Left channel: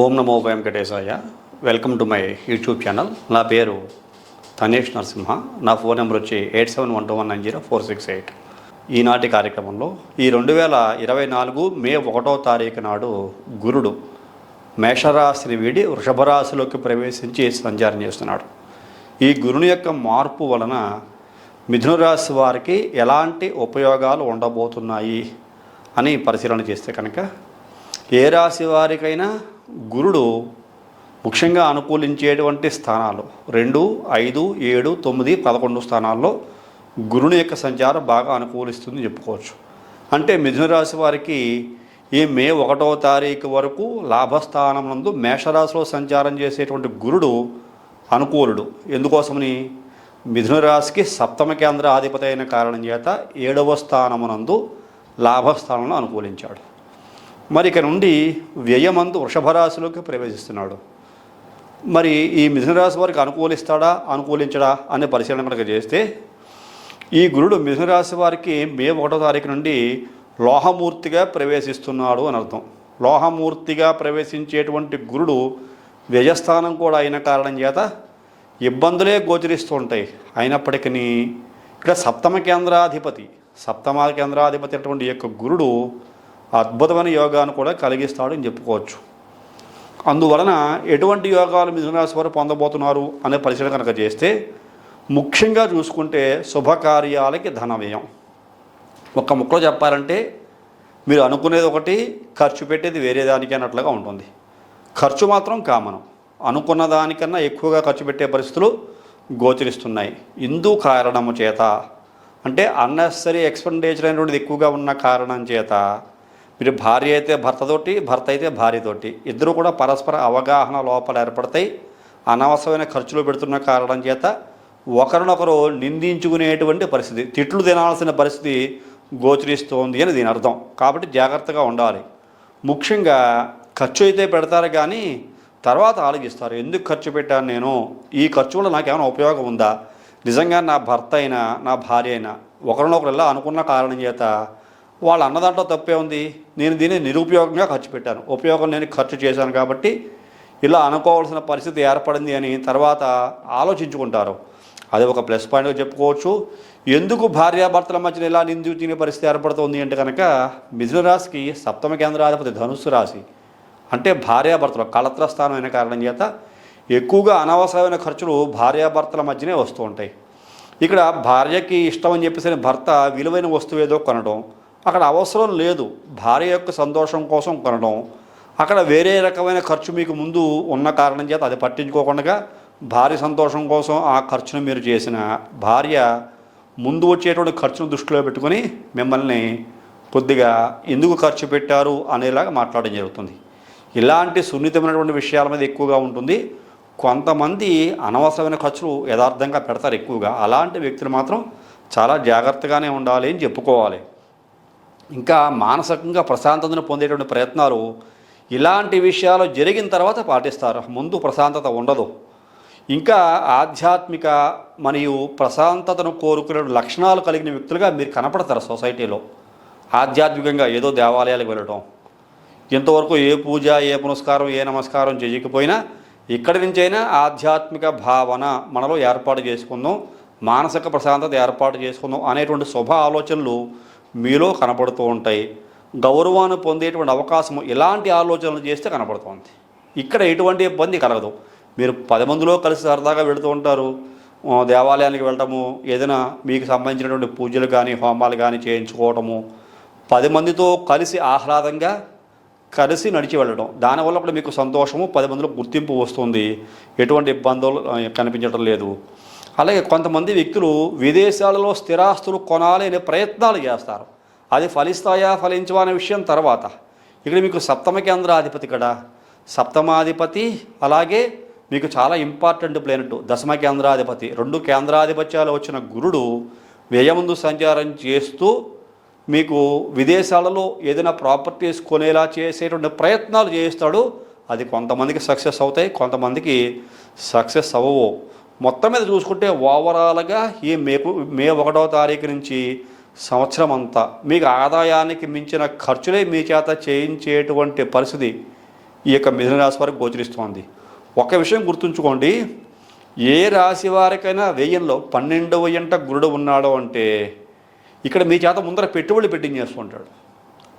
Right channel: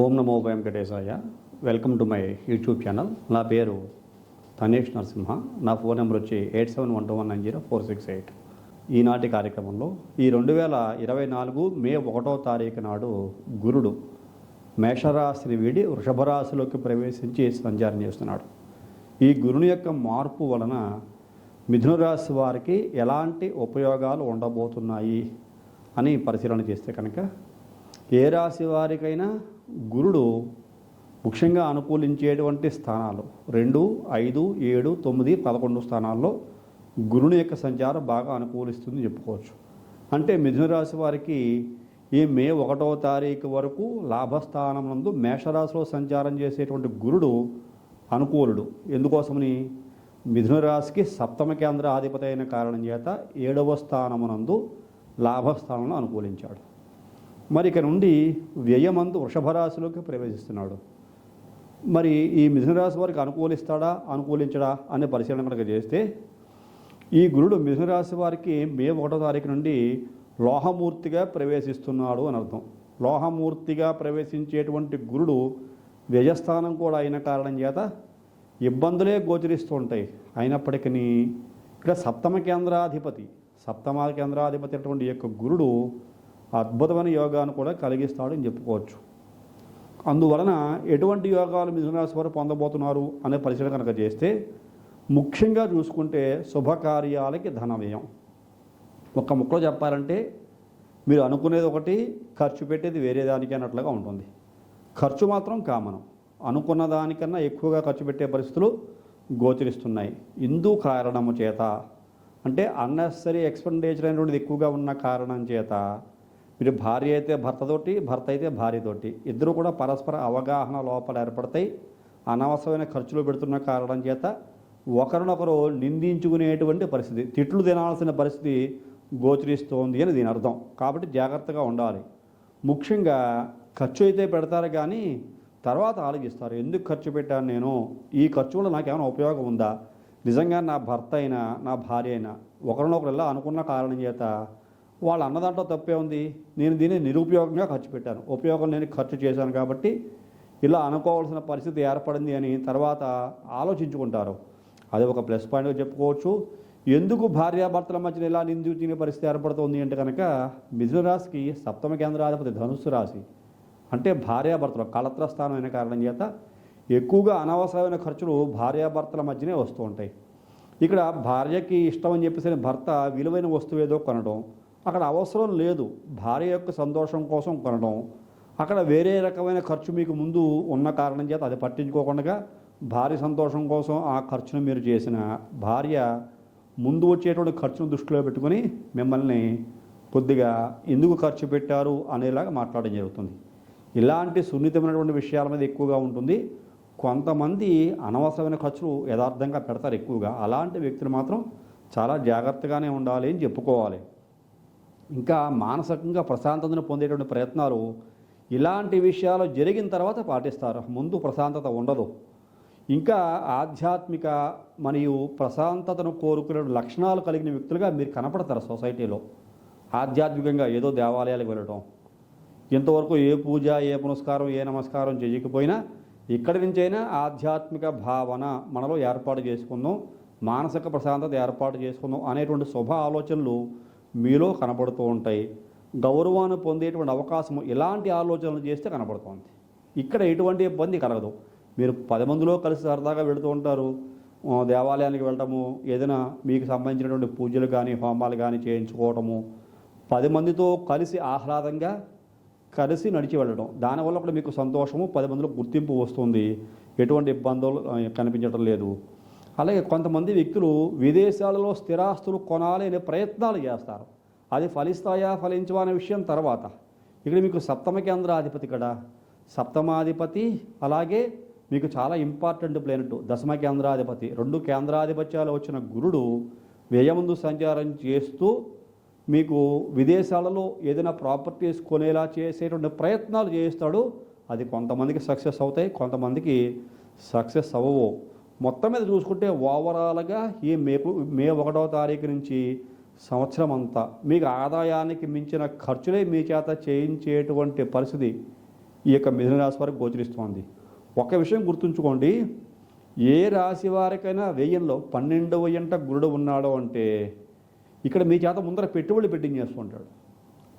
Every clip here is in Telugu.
Om Namo Venkatesaya. Welcome to my YouTube channel. నా పేరు తనేష్ నరసింహ. నా ఫోన్ నెంబర్ వచ్చి 8712190468. ఈనాటి కార్యక్రమంలో ఈ 2024 మే 1వ తారీఖు నాడు గురుడు మేషరాశిని వీడి వృషభరాశిలోకి ప్రవేశించి సంచారం చేస్తున్నాడు. ఈ గురుని యొక్క మార్పు వలన మిథున రాశి వారికి ఎలాంటి ఉపయోగాలు ఉండబోతున్నాయి అని పరిశీలన చేస్తే కనుక, ఏ రాశి వారికైనా గురుడు ముఖ్యంగా అనుకూలించేటువంటి స్థానాలు 2, 5, 7, 9, 11 స్థానాల్లో గురుని యొక్క సంచారం బాగా అనుకూలిస్తుంది చెప్పుకోవచ్చు. అంటే మిథున రాశి వారికి ఈ మే 1వ తారీఖు వరకు లాభస్థానం నందు మేషరాశిలో సంచారం చేసేటువంటి గురుడు అనుకూలుడు. ఎందుకోసమని మిథున రాశికి సప్తమ కేంద్ర అధిపతి అయిన కారణం చేత 7వ స్థానమునందు లాభస్థానంలో అనుకూలించాడు. మరి ఇక నుండి వ్యయమందు వృషభ రాశిలోకి ప్రవేశిస్తున్నాడు. మరి ఈ మిథున రాశి వారికి అనుకూలిస్తాడా అనుకూలించడా అనే పరిశీలన కనుక చేస్తే, ఈ గురుడు మిథున రాశి వారికి మే 1వ తారీఖు నుండి లోహమూర్తిగా ప్రవేశిస్తున్నాడు అని అర్థం. లోహమూర్తిగా ప్రవేశించేటువంటి గురుడు వ్యయస్థానం కూడా అయిన కారణం చేత ఇబ్బందులే గోచరిస్తూ ఉంటాయి. అయినప్పటికీ ఇక్కడ సప్తమ కేంద్రాధిపతి అటువంటి యొక్క గురుడు అద్భుతమైన యోగాన్ని కూడా కలిగిస్తాడు అని చెప్పుకోవచ్చు. అందువలన ఎటువంటి యోగాలు మిథున రాశి వారు పొందబోతున్నారు అనే పరిశీలన కనుక చేస్తే, ముఖ్యంగా చూసుకుంటే శుభకార్యాలకి ధన వ్యయం. ఒక్క ముక్కలో చెప్పాలంటే, మీరు అనుకునేది ఒకటి, ఖర్చు పెట్టేది వేరే దానికి అన్నట్లుగా ఉంటుంది. ఖర్చు మాత్రం కామనం. అనుకున్న దానికన్నా ఎక్కువగా ఖర్చు పెట్టే పరిస్థితులు గోచరిస్తున్నాయి. ఇందు కారణము చేత, అంటే అన్నెసరీ ఎక్స్పెండిచర్ అనేటువంటిది ఎక్కువగా ఉన్న కారణం చేత, మీరు భార్య అయితే భర్తతోటి, భర్త అయితే భార్యతోటి, ఇద్దరు కూడా పరస్పర అవగాహన లోపాలు ఏర్పడతాయి. అనవసరమైన ఖర్చులు పెడుతున్న కారణం చేత ఒకరినొకరు నిందించుకునేటువంటి పరిస్థితి, తిట్లు తినాల్సిన పరిస్థితి గోచరిస్తోంది అని దీని అర్థం. కాబట్టి జాగ్రత్తగా ఉండాలి. ముఖ్యంగా ఖర్చు అయితే పెడతారు, కానీ తర్వాత ఆలోచిస్తారు, ఎందుకు ఖర్చు పెట్టాను నేను, ఈ ఖర్చు వల్ల నాకేమైనా ఉపయోగం ఉందా, నిజంగా నా భర్త అయినా నా భార్య అయినా ఒకరినొకరు ఇలా అనుకున్న కారణం చేత వాళ్ళు అన్నదాంట్లో తప్పే ఉంది, నేను దీన్ని నిరుపయోగంగా ఖర్చు పెట్టాను, ఉపయోగం నేను ఖర్చు చేశాను కాబట్టి ఇలా అనుకోవాల్సిన పరిస్థితి ఏర్పడింది అని తర్వాత ఆలోచించుకుంటారు. అది ఒక ప్లస్ పాయింట్గా చెప్పుకోవచ్చు. ఎందుకు భార్యాభర్తల మధ్యన ఇలా నిందించే పరిస్థితి ఏర్పడుతుంది అంటే కనుక, మిథున రాశికి సప్తమ కేంద్రాధిపతి ధనుస్సు రాశి, అంటే భార్యాభర్తలు కళత్ర స్థానం అయిన కారణం చేత ఎక్కువగా అనవసరమైన ఖర్చులు భార్యాభర్తల మధ్యనే వస్తూ ఉంటాయి. ఇక్కడ భార్యకి ఇష్టం అని చెప్పేసి భర్త విలువైన వస్తువు ఏదో కొనడం, అక్కడ అవసరం లేదు, భార్య యొక్క సంతోషం కోసం కొనడం, అక్కడ వేరే రకమైన ఖర్చు మీకు ముందు ఉన్న కారణం చేత అది పట్టించుకోకుండా భార్య సంతోషం కోసం ఆ ఖర్చును మీరు చేసిన, భార్య ముందు వచ్చేటువంటి ఖర్చును దృష్టిలో పెట్టుకొని మిమ్మల్ని కొద్దిగా ఎందుకు ఖర్చు పెట్టారు అనేలాగా మాట్లాడడం జరుగుతుంది. ఇలాంటి సున్నితమైనటువంటి విషయాల మీద ఎక్కువగా ఉంటుంది. కొంతమంది అనవసరమైన ఖర్చులు యథార్థంగా పెడతారు ఎక్కువగా. అలాంటి వ్యక్తులు మాత్రం చాలా జాగ్రత్తగానే ఉండాలి అని చెప్పుకోవాలి. ఇంకా మానసికంగా ప్రశాంతతను పొందేటువంటి ప్రయత్నాలు ఇలాంటి విషయాలు జరిగిన తర్వాత పాటిస్తారు, ముందు ప్రశాంతత ఉండదు. ఇంకా ఆధ్యాత్మిక మరియు ప్రశాంతతను కోరుకునే లక్షణాలు కలిగిన వ్యక్తులుగా మీరు కనపడతారు సొసైటీలో. ఆధ్యాత్మికంగా ఏదో దేవాలయాలకు వెళ్ళడం, ఇంతవరకు ఏ పూజ, ఏ పునస్కారం, ఏ నమస్కారం చేయకపోయినా ఇక్కడి నుంచైనా ఆధ్యాత్మిక భావన మనలో ఏర్పాటు చేసుకుందాం, మానసిక ప్రశాంతత ఏర్పాటు చేసుకుందాం అనేటువంటి శుభ ఆలోచనలు మీలో కనపడుతూ ఉంటాయి. గౌరవాన్ని పొందేటువంటి అవకాశం ఇలాంటి ఆలోచనలు చేస్తే కనపడుతుంది. ఇక్కడ ఎటువంటి ఇబ్బంది కలగదు. మీరు 10 మందిలో కలిసి సరదాగా వెళుతూ ఉంటారు, దేవాలయానికి వెళ్ళటము, ఏదైనా మీకు సంబంధించినటువంటి పూజలు కానీ హోమాలు కానీ చేయించుకోవటము, 10 మందితో కలిసి ఆహ్లాదంగా కలిసి నడిచి వెళ్ళడం, దానివల్ల కూడా మీకు సంతోషము, 10 మందిలో గుర్తింపు వస్తుంది, ఎటువంటి ఇబ్బందులు కనిపించడం లేదు. అలాగే కొంతమంది వ్యక్తులు విదేశాలలో స్థిరాస్తులు కొనాలి అనే ప్రయత్నాలు చేస్తారు. అది ఫలిస్తాయా ఫలించవా అనే విషయం తర్వాత. ఇక్కడ మీకు సప్తమ కేంద్రాధిపతి కదా, సప్తమాధిపతి, అలాగే మీకు చాలా ఇంపార్టెంట్ ప్లానెట్ దశమ కేంద్రాధిపతి, 2 కేంద్రాధిపత్యాలు వచ్చిన గురుడు వ్యయముందు సంచారం చేస్తూ మీకు విదేశాలలో ఏదైనా ప్రాపర్టీస్ కొనేలా చేసేటువంటి ప్రయత్నాలు చేస్తాడు. అది కొంతమందికి సక్సెస్ అవుతాయి, కొంతమందికి సక్సెస్ అవ్వవు. మొత్తం మీద చూసుకుంటే ఓవరాల్గా ఈ మే 1వ తారీఖు నుంచి సంవత్సరం అంతా మీకు ఆదాయానికి మించిన ఖర్చులే మీ చేత చేయించేటువంటి పరిస్థితి ఈ యొక్క మిథున రాశి వారికి గోచరిస్తోంది. ఒక విషయం గుర్తుంచుకోండి, ఏ రాశి వారికైనా వ్యయంలో 12వ ఇంట గురుడు ఉన్నాడు అంటే ఇక్కడ మీ చేత ముందర పెట్టుబడులు పెట్టించేస్తుంటాడు,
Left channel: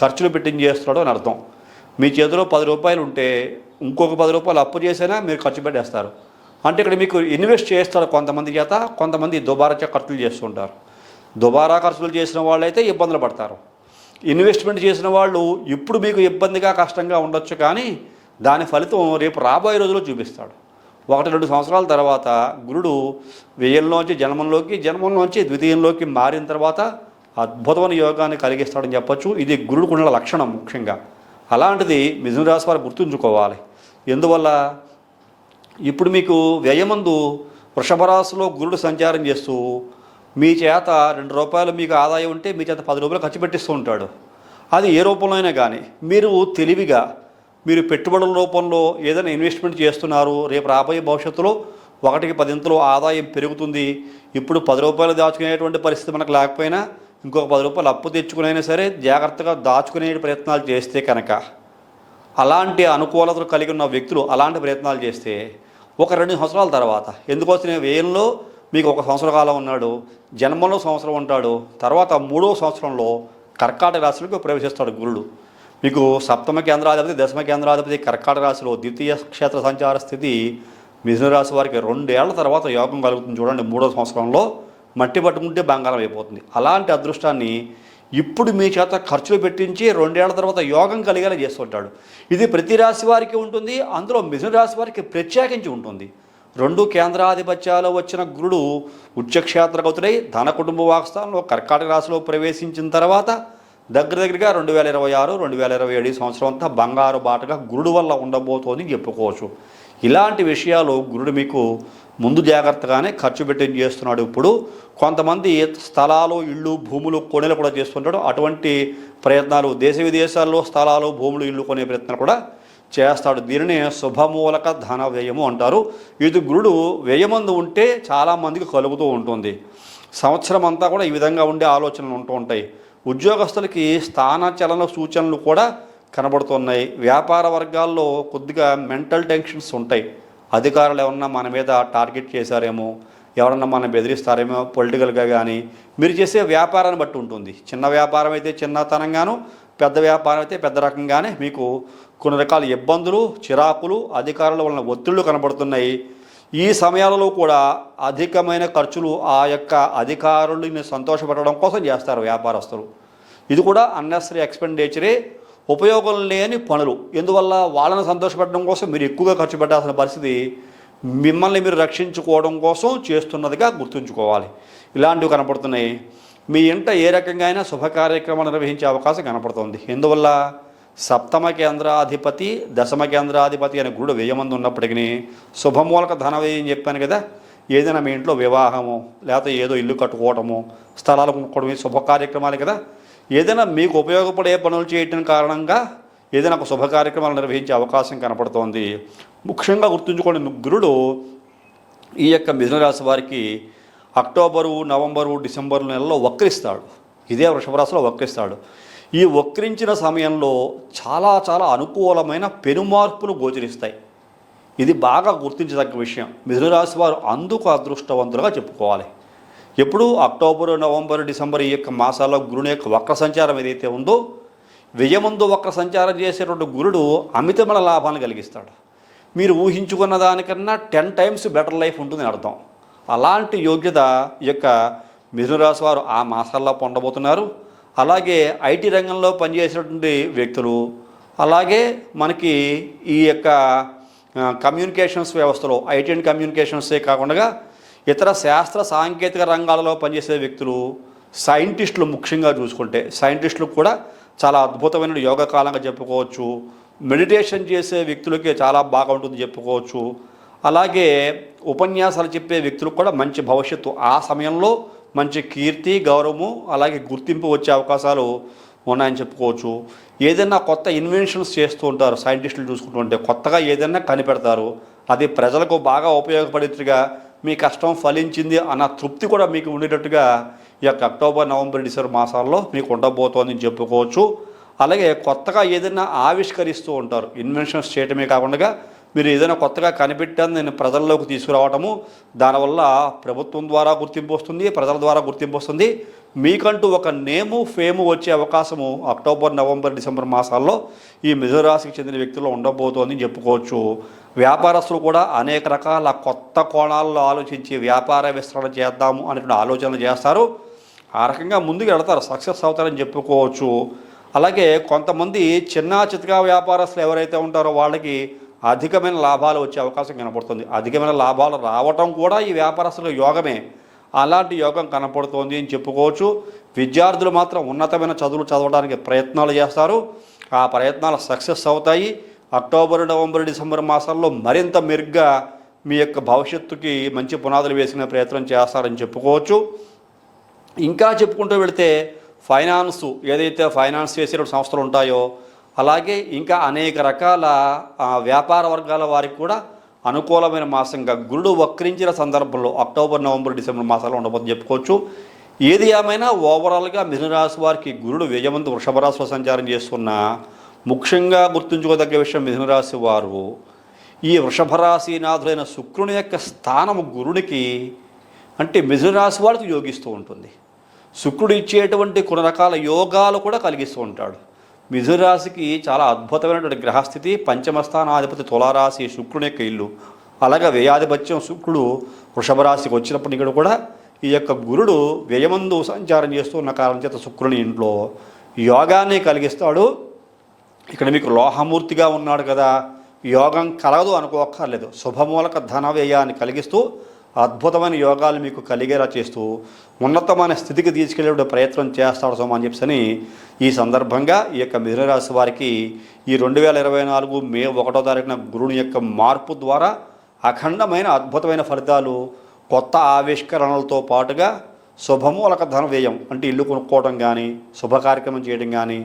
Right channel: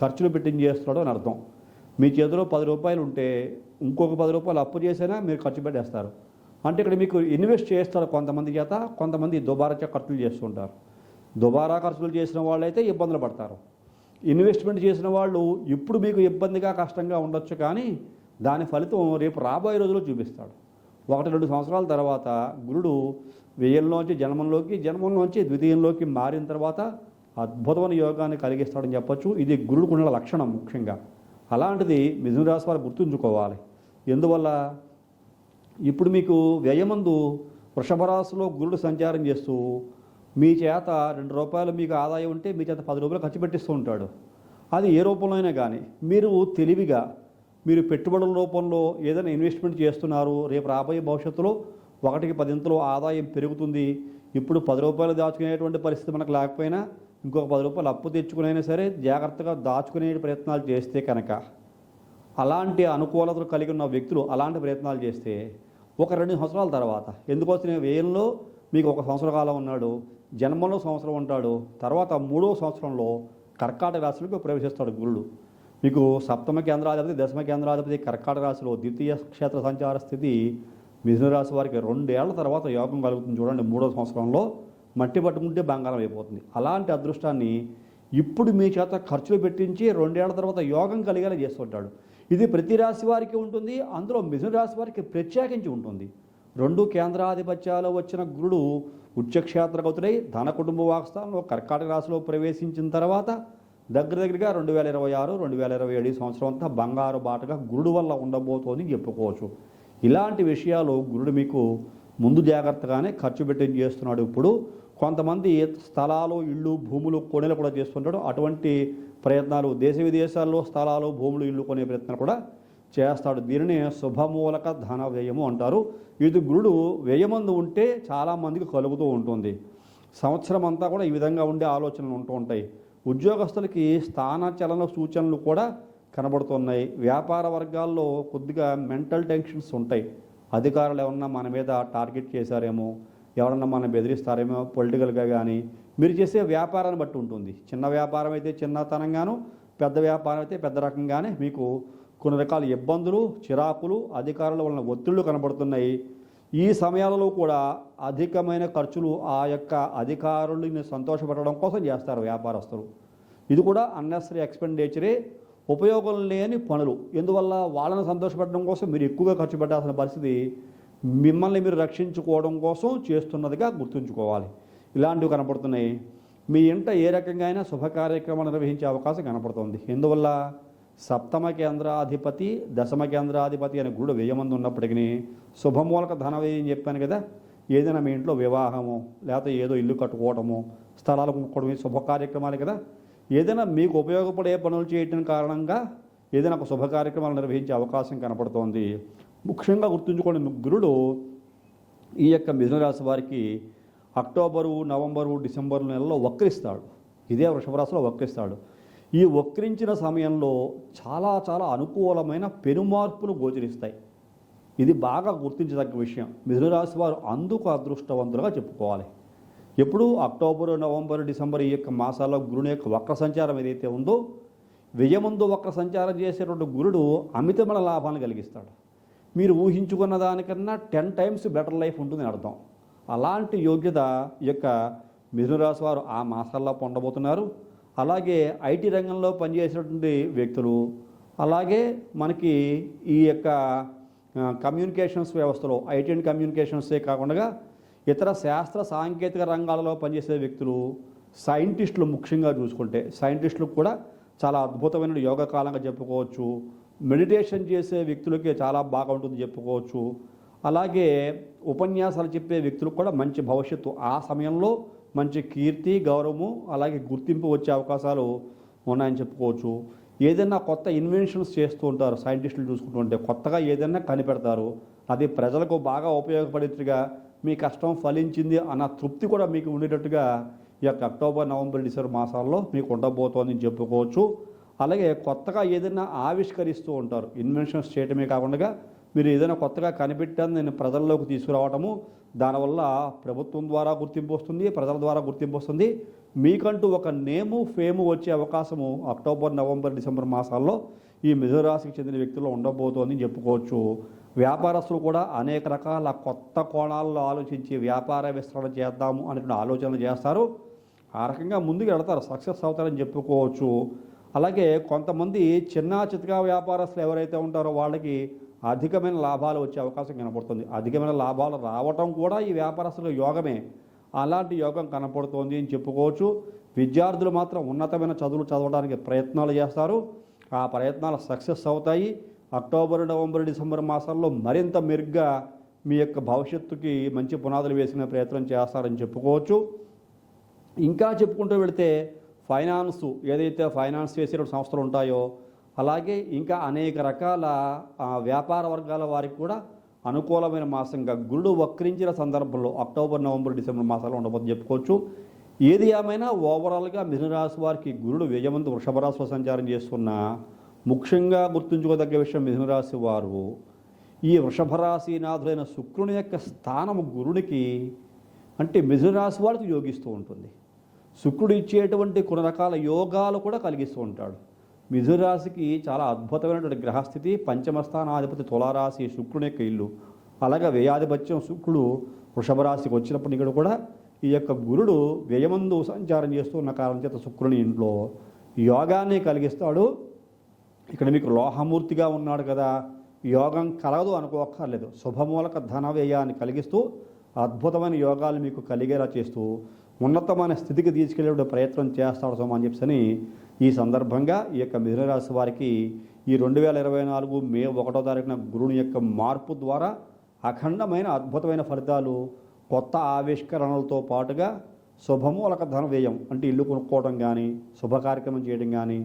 ఖర్చులు పెట్టించేస్తున్నాడు అని అర్థం. మీ చేతిలో 10 రూపాయలు ఉంటే ఇంకొక 10 రూపాయలు అప్పు చేసినా మీరు ఖర్చు పెట్టేస్తారు. అంటే ఇక్కడ మీకు ఇన్వెస్ట్ చేస్తాడు కొంతమంది చేత, కొంతమంది దుబారా ఖర్చులు చేస్తుంటారు. దుబారా ఖర్చులు చేసిన వాళ్ళైతే ఇబ్బందులు పడతారు. ఇన్వెస్ట్మెంట్ చేసిన వాళ్ళు ఇప్పుడు మీకు ఇబ్బందిగా కష్టంగా ఉండొచ్చు, కానీ దాని ఫలితం రేపు రాబోయే రోజుల్లో చూపిస్తాడు. 1-2 సంవత్సరాల తర్వాత గురుడు వ్యయంలోంచి జన్మంలోంచి ద్వితీయంలోకి మారిన తర్వాత అద్భుతమైన యోగాన్ని కలిగిస్తాడని చెప్పొచ్చు. ఇది గురుడుకున్న లక్షణం ముఖ్యంగా. అలాంటిది మిథున రాశి వారు గుర్తుంచుకోవాలి. ఎందువల్ల ఇప్పుడు మీకు వ్యయమందు వృషభ రాశిలో గురుడు సంచారం చేస్తూ మీ చేత 2 రూపాయలు మీకు ఆదాయం ఉంటే మీ చేత 10 రూపాయలు ఖర్చు పెట్టిస్తూ ఉంటాడు. అది ఏ రూపంలో అయినా కానీ మీరు తెలివిగా మీరు పెట్టుబడుల రూపంలో ఏదైనా ఇన్వెస్ట్మెంట్ చేస్తున్నారు, రేపు రాబోయే భవిష్యత్తులో 1కి 10 ఆదాయం పెరుగుతుంది. ఇప్పుడు 10 రూపాయలు దాచుకునేటువంటి పరిస్థితి మనకు లేకపోయినా ఇంకొక 10 రూపాయలు అప్పు తెచ్చుకునైనా సరే జాగ్రత్తగా దాచుకునే ప్రయత్నాలు చేస్తే కనుక, అలాంటి అనుకూలతలు కలిగి ఉన్న వ్యక్తులు అలాంటి ప్రయత్నాలు చేస్తే 1-2 సంవత్సరాల తర్వాత, ఎందుకోసం వ్యయంలో మీకు 1 సంవత్సర కాలం ఉన్నాడు, జన్మంలో సంవత్సరం ఉంటాడు, తర్వాత 3వ సంవత్సరంలో కర్కాటక రాశిలోకి ప్రవేశిస్తాడు గురుడు. మీకు సప్తమ కేంద్రాధిపతి, దశమ కేంద్రాధిపతి కర్కాటక రాశిలో ద్వితీయ క్షేత్ర సంచార స్థితి మిథున రాశి వారికి 2 ఏళ్ల తర్వాత యోగం కలుగుతుంది. చూడండి, 3వ సంవత్సరంలో మట్టి పట్టుకుంటే బంగారం అయిపోతుంది. అలాంటి అదృష్టాన్ని ఇప్పుడు మీ చేత ఖర్చులు పెట్టించి 2 ఏళ్ల తర్వాత యోగం కలిగేలా చేస్తుంటాడు. ఇది ప్రతి రాశి వారికి ఉంటుంది, అందులో మిథున రాశి వారికి ప్రత్యేకించి ఉంటుంది. 2 కేంద్రాధిపత్యాలు వచ్చిన గురుడు ఉచ్చక్షేత్రగతుడై ధన కుటుంబ వాక్స్థానంలో కర్కాటక రాశిలో ప్రవేశించిన తర్వాత దగ్గరగా 2026-2027 సంవత్సరం అంతా బంగారు బాటగా గురుడు వల్ల ఉండబోతోంది చెప్పుకోవచ్చు. ఇలాంటి విషయాలు గురుడు మీకు ముందు జాగ్రత్తగానే ఖర్చు పెట్టి చేస్తున్నాడు. ఇప్పుడు కొంతమంది స్థలాలు, ఇళ్ళు, భూములు కొనేలు కూడా చేస్తుంటాడు. అటువంటి ప్రయత్నాలు దేశ విదేశాల్లో స్థలాలు, భూములు, ఇళ్ళు కొనే ప్రయత్నాలు కూడా చేస్తాడు. దీనిని శుభమూలక ధన వ్యయము అంటారు. ఇది గురుడు వ్యయమందు ఉంటే చాలామందికి కలుగుతూ ఉంటుంది. సంవత్సరం అంతా కూడా ఈ విధంగా ఉండే ఆలోచనలు ఉంటూ ఉంటాయి. ఉద్యోగస్తులకి స్థానచలన సూచనలు కూడా కనబడుతున్నాయి. వ్యాపార వర్గాల్లో కొద్దిగా మెంటల్ టెన్షన్స్ ఉంటాయి. అధికారులు ఎవరన్నా మన మీద టార్గెట్ చేశారేమో, ఎవరన్నా మనం బెదిరిస్తారేమో పొలిటికల్గా, కానీ మీరు చేసే వ్యాపారాన్ని బట్టి ఉంటుంది. చిన్న వ్యాపారం అయితే చిన్నతనంగాను, పెద్ద వ్యాపారం అయితే పెద్ద రకంగానే మీకు కొన్ని రకాల ఇబ్బందులు, చిరాకులు, అధికారుల వలన ఒత్తిళ్లు కనబడుతున్నాయి. ఈ సమయాలలో కూడా అధికమైన ఖర్చులు ఆ యొక్క అధికారులని సంతోషపెట్టడం కోసం చేస్తారు వ్యాపారస్తులు. ఇది కూడా అన్నెసరీ ఎక్స్పెండిచరే, ఉపయోగం లేని పనులు. ఎందువల్ల వాళ్ళని సంతోషపెట్టడం కోసం మీరు ఎక్కువగా ఖర్చు పెట్టాల్సిన పరిస్థితి మిమ్మల్ని మీరు రక్షించుకోవడం కోసం చేస్తున్నదిగా గుర్తుంచుకోవాలి. ఇలాంటివి కనపడుతున్నాయి. మీ ఇంట ఏ రకంగా అయినా శుభ కార్యక్రమాలు నిర్వహించే అవకాశం కనపడుతుంది. ఎందువల్ల సప్తమ కేంద్రాధిపతి, దశమ కేంద్రాధిపతి అనే గురుడు వ్యయమందు ఉన్నప్పటికీ శుభమూలక ధన వ్యయం చెప్పాను కదా. ఏదైనా మీ ఇంట్లో వివాహము, లేకపోతే ఏదో ఇల్లు కట్టుకోవటము, స్థలాలు కొనుక్కోవడం, శుభ కార్యక్రమాలు కదా. ఏదైనా మీకు ఉపయోగపడే పనులు చేయటం కారణంగా ఏదైనా ఒక శుభ కార్యక్రమాలు నిర్వహించే అవకాశం కనపడుతోంది. ముఖ్యంగా గుర్తుంచుకోండి, గురుడు ఈ యొక్క మిథున రాశి వారికి అక్టోబరు, నవంబరు, డిసెంబరు నెలలో వక్రిస్తాడు. ఇదే వృషభ రాశిలో వక్రిస్తాడు. ఈ వక్రించిన సమయంలో చాలా చాలా అనుకూలమైన పెనుమార్పులు గోచరిస్తాయి. ఇది బాగా గుర్తించదగ్గ విషయం. మిథున రాశి వారు అందుకు అదృష్టవంతులుగా చెప్పుకోవాలి. ఎప్పుడు అక్టోబరు, నవంబరు, డిసెంబర్ ఈ యొక్క మాసాల్లో గురుని యొక్క వక్ర సంచారం ఏదైతే ఉందో, వ్యయమందు వక్ర సంచారం చేసేటువంటి గురుడు అమితమైన లాభాన్ని కలిగిస్తాడు. మీరు ఊహించుకున్న దానికన్నా 10 times బెటర్ లైఫ్ ఉంటుందని అర్థం. అలాంటి యోగ్యత ఈ యొక్క మిథున రాశి వారు ఆ మాసాల్లో పొందబోతున్నారు. అలాగే ఐటీ రంగంలో పనిచేసేటువంటి వ్యక్తులు, అలాగే మనకి ఈ యొక్క కమ్యూనికేషన్స్ వ్యవస్థలో ఐటీ అండ్ కమ్యూనికేషన్సే కాకుండా ఇతర శాస్త్ర సాంకేతిక రంగాలలో పనిచేసే వ్యక్తులు, సైంటిస్టులు ముఖ్యంగా చూసుకుంటే సైంటిస్టులు కూడా చాలా అద్భుతమైన యోగ కాలంగా చెప్పుకోవచ్చు. మెడిటేషన్ చేసే వ్యక్తులకి చాలా బాగా ఉంటుంది చెప్పుకోవచ్చు. అలాగే ఉపన్యాసాలు చెప్పే వ్యక్తులకు కూడా మంచి భవిష్యత్తు, ఆ సమయంలో మంచి కీర్తి, గౌరవము, అలాగే గుర్తింపు వచ్చే అవకాశాలు ఉన్నాయని చెప్పుకోవచ్చు. ఏదైనా కొత్త ఇన్వెన్షన్స్ చేస్తూ ఉంటారు సైంటిస్టులు చూసుకుంటుంటే, కొత్తగా ఏదైనా కనిపెడతారు, అది ప్రజలకు బాగా ఉపయోగపడేట్టుగా మీ కష్టం ఫలించింది అన్న తృప్తి కూడా మీకు ఉండేటట్టుగా ఈ యొక్క అక్టోబర్, నవంబర్, డిసెంబర్ మాసాల్లో మీకు ఉండబోతోందని చెప్పుకోవచ్చు. అలాగే కొత్తగా ఏదైనా ఆవిష్కరిస్తూ ఉంటారు. ఇన్వెన్షన్స్ చేయటమే కాకుండా మీరు ఏదైనా కొత్తగా కనిపెట్టాను నేను ప్రజల్లోకి తీసుకురావటము, దానివల్ల ప్రభుత్వం ద్వారా గుర్తింపు వస్తుంది, ప్రజల ద్వారా గుర్తింపు వస్తుంది. మీకంటూ ఒక నేము ఫేము వచ్చే అవకాశము అక్టోబర్, నవంబర్, డిసెంబర్ మాసాల్లో ఈ మిథున రాశికి చెందిన వ్యక్తుల్లో ఉండబోతోంది చెప్పుకోవచ్చు. వ్యాపారస్తులు కూడా అనేక రకాల కొత్త కోణాల్లో ఆలోచించి వ్యాపార విస్తరణ చేద్దాము అనేటువంటి ఆలోచనలు చేస్తారు. ఆ రకంగా ముందుకు వెళతారు, సక్సెస్ అవుతారని చెప్పుకోవచ్చు. అలాగే కొంతమంది చిన్న చితకా వ్యాపారస్తులు ఎవరైతే ఉంటారో వాళ్ళకి అధికమైన లాభాలు వచ్చే అవకాశం కనపడుతుంది. అధికమైన లాభాలు రావటం కూడా ఈ వ్యాపారస్తుల యోగమే. అలాంటి యోగం కనపడుతోంది అని చెప్పుకోవచ్చు. విద్యార్థులు మాత్రం ఉన్నతమైన చదువులు చదవడానికి ప్రయత్నాలు చేస్తారు. ఆ ప్రయత్నాలు సక్సెస్ అవుతాయి. అక్టోబర్, నవంబర్, డిసెంబర్ మాసాల్లో మరింత మెరుగ్గా మీ యొక్క భవిష్యత్తుకి మంచి పునాదులు వేసుకునే ప్రయత్నం చేస్తారని చెప్పుకోవచ్చు. ఇంకా చెప్పుకుంటూ వెళితే ఏదైతే ఫైనాన్స్ చేసే సంస్థలు ఉంటాయో, అలాగే ఇంకా అనేక రకాల వ్యాపార వర్గాల వారికి కూడా అనుకూలమైన మాసంగా గురుడు వక్రించిన సందర్భంలో అక్టోబర్, నవంబర్, డిసెంబర్ మాసాల్లో ఉండబోతుందని చెప్పుకోవచ్చు. ఏది ఏమైనా ఓవరాల్గా మిథున రాశి వారికి గురుడు వ్యయమందు వృషభ రాశిలో సంచారం చేస్తున్న ముఖ్యంగా గుర్తుంచుకోదగ్గ విషయం, మిథున రాశి వారు ఈ వృషభ రాశినాథులైన శుక్రుని యొక్క స్థానము గురుడికి అంటే మిథున రాశి వారికి యోగిస్తూ ఉంటుంది. శుక్రుడు ఇచ్చేటువంటి కొన్ని రకాల యోగాలు కూడా కలిగిస్తూ ఉంటాడు. మిథున రాశికి చాలా అద్భుతమైనటువంటి గ్రహస్థితి. పంచమస్థానాధిపతి తులారాశి శుక్రుని యొక్క ఇల్లు. అలాగే వ్యయాధిపత్యం శుక్రుడు వృషభ రాశికి వచ్చినప్పటికీ కూడా ఈ యొక్క గురుడు వ్యయమందు సంచారం చేస్తూ ఉన్న కారణం చేత శుక్రుని ఇంట్లో యోగాన్ని కలిగిస్తాడు. ఇక్కడ మీకు లోహమూర్తిగా ఉన్నాడు కదా, యోగం కలగదు అనుకోక్కర్లేదు. శుభమూలక ధన వ్యయాన్ని కలిగిస్తూ అద్భుతమైన యోగాలు మీకు కలిగేలా చేస్తూ ఉన్నతమైన స్థితికి తీసుకెళ్లే ప్రయత్నం చేస్తాడు సోమ అని చెప్పని ఈ సందర్భంగా ఈ యొక్క మిథున రాశి వారికి ఈ 2024 మే 1వ తారీఖున గురుని యొక్క మార్పు ద్వారా అఖండమైన అద్భుతమైన ఫలితాలు, కొత్త ఆవిష్కరణలతో పాటుగా శుభమూలక ధన వ్యయం అంటే ఇల్లు కొనుక్కోవడం కానీ, శుభ కార్యక్రమం చేయడం కానీ,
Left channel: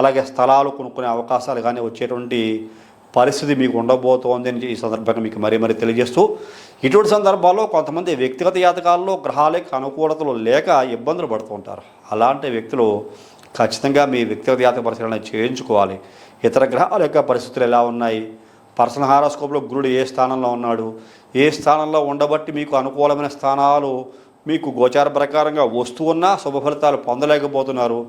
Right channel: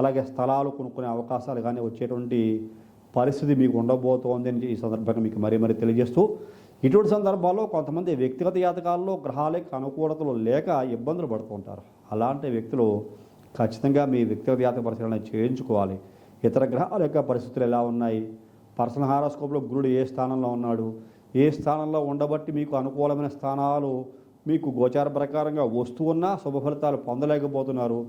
అలాగే స్థలాలు కొనుక్కునే అవకాశాలు కానీ వచ్చేటువంటి పరిస్థితి మీకు ఉండబోతోంది అని ఈ సందర్భంగా మీకు మరీ తెలియజేస్తూ, ఇటువంటి సందర్భాల్లో కొంతమంది వ్యక్తిగత జాతకాల్లో గ్రహాలకు అనుకూలతలు లేక ఇబ్బందులు పడుతూ ఉంటారు. అలాంటి వ్యక్తులు ఖచ్చితంగా మీ వ్యక్తిగత జాతక పరిశీలన చేయించుకోవాలి. ఇతర గ్రహాల యొక్క పరిస్థితులు ఎలా ఉన్నాయి, పర్సనల్ హారోస్కోప్లో గురుడు ఏ స్థానంలో ఉన్నాడు, ఏ స్థానంలో ఉండబట్టి మీకు అనుకూలమైన స్థానాలు మీకు గోచార ప్రకారంగా వస్తూ ఉన్నా శుభ ఫలితాలు పొందలేకపోతున్నారు.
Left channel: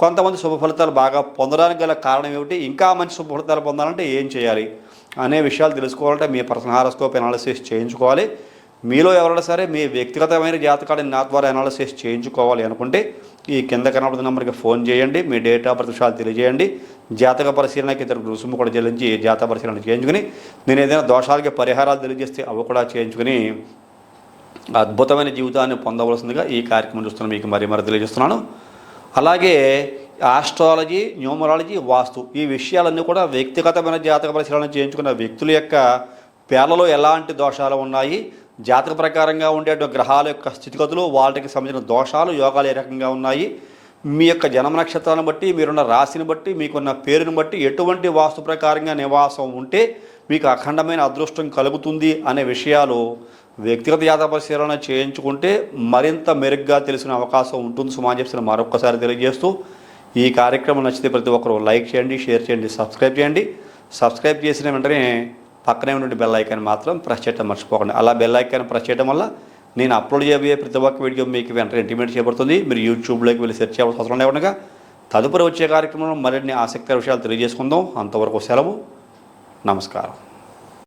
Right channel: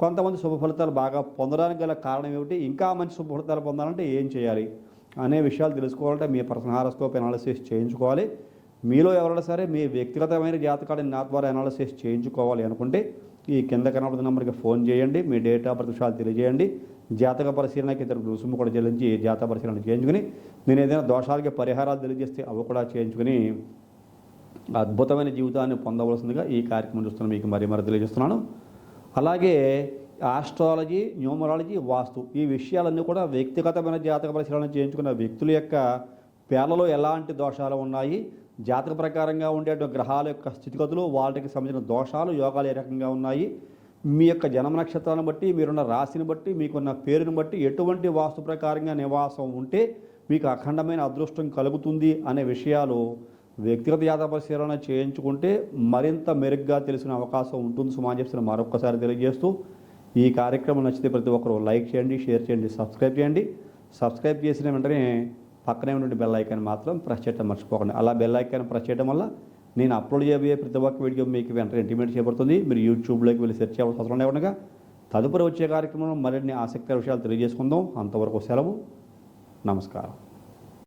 కొంతమంది శుభ ఫలితాలు బాగా పొందడానికి గల కారణం ఏమిటి, ఇంకా మంచి శుభ ఫలితాలు పొందాలంటే ఏం చేయాలి అనే విషయాలు తెలుసుకోవాలంటే మీ పర్సనల్ హారోస్కోప్ అనాలిసిస్ చేయించుకోవాలి. మీలో ఎవరైనా సరే మీ వ్యక్తిగతమైన జాతకాన్ని నా ద్వారా అనాలిసిస్ చేయించుకోవాలి అనుకుంటే ఈ కింద కనబడుతున్న నెంబర్కి ఫోన్ చేయండి. మీ డేట్ ఆఫ్ బర్త్ విషయాలు తెలియజేయండి. జాతక పరిశీలనకి ఇతర రుసుము కూడా చెల్లించి జాతక పరిశీలన చేయించుకుని నేను ఏదైనా దోషాలకి పరిహారాలు తెలియజేస్తే అవి కూడా చేయించుకుని అద్భుతమైన జీవితాన్ని పొందవలసిందిగా ఈ కార్యక్రమం చూస్తున్న మీకు మరీ తెలియజేస్తున్నాను. అలాగే ఆస్ట్రాలజీ, న్యూమరాలజీ, వాస్తు ఈ విషయాలన్నీ కూడా వ్యక్తిగతమైన జాతక పరిశీలన చేయించుకున్న వ్యక్తుల యొక్క పేర్లలో ఎలాంటి దోషాలు ఉన్నాయి, జాతక ప్రకారంగా ఉండే గ్రహాల యొక్క స్థితిగతులు, వాటికి సంబంధించిన దోషాలు, యోగాలు ఏ రకంగా ఉన్నాయి, మీ యొక్క జన్మ నక్షత్రాలను బట్టి, మీరున్న రాశిని బట్టి, మీకున్న పేరుని బట్టి ఎటువంటి వాస్తు ప్రకారంగా నివాసం ఉంటే మీకు అఖండమైన అదృష్టం కలుగుతుంది అనే విషయాలు వ్యక్తిగత జాతక పరిశీలన చేయించుకుంటే మరింత మెరుగ్గా తెలిసిన అవకాశం ఉంటుంది సుమా చెప్పిన మరొకసారి తెలియజేస్తూ, ఈ కార్యక్రమం నచ్చితే ప్రతి ఒక్కరు లైక్ చేయండి, షేర్ చేయండి, సబ్స్క్రైబ్ చేయండి. సబ్స్క్రైబ్ చేసిన వెంటనే పక్కనే ఉన్న బెల్ ఐకాన్ మాత్రం ప్రెస్ చేయడం మర్చిపోకండి. అలా బెల్ ఐకాన్ ప్రెస్ చేయడం వల్ల నేను అప్లోడ్ చేయబోయే ప్రతి ఒక్క వీడియో మీకు వెంటనే ఇంటిమేట్ చేయబడుతుంది. మీరు యూట్యూబ్లోకి వెళ్ళి సెర్చ్ చేయాల్సిన అవసరం లేకుండా తదుపరి వచ్చే కార్యక్రమంలో మరిన్ని ఆసక్తికర విషయాలు తెలియజేసుకుందాం. అంతవరకు సెలవు. నమస్కారం.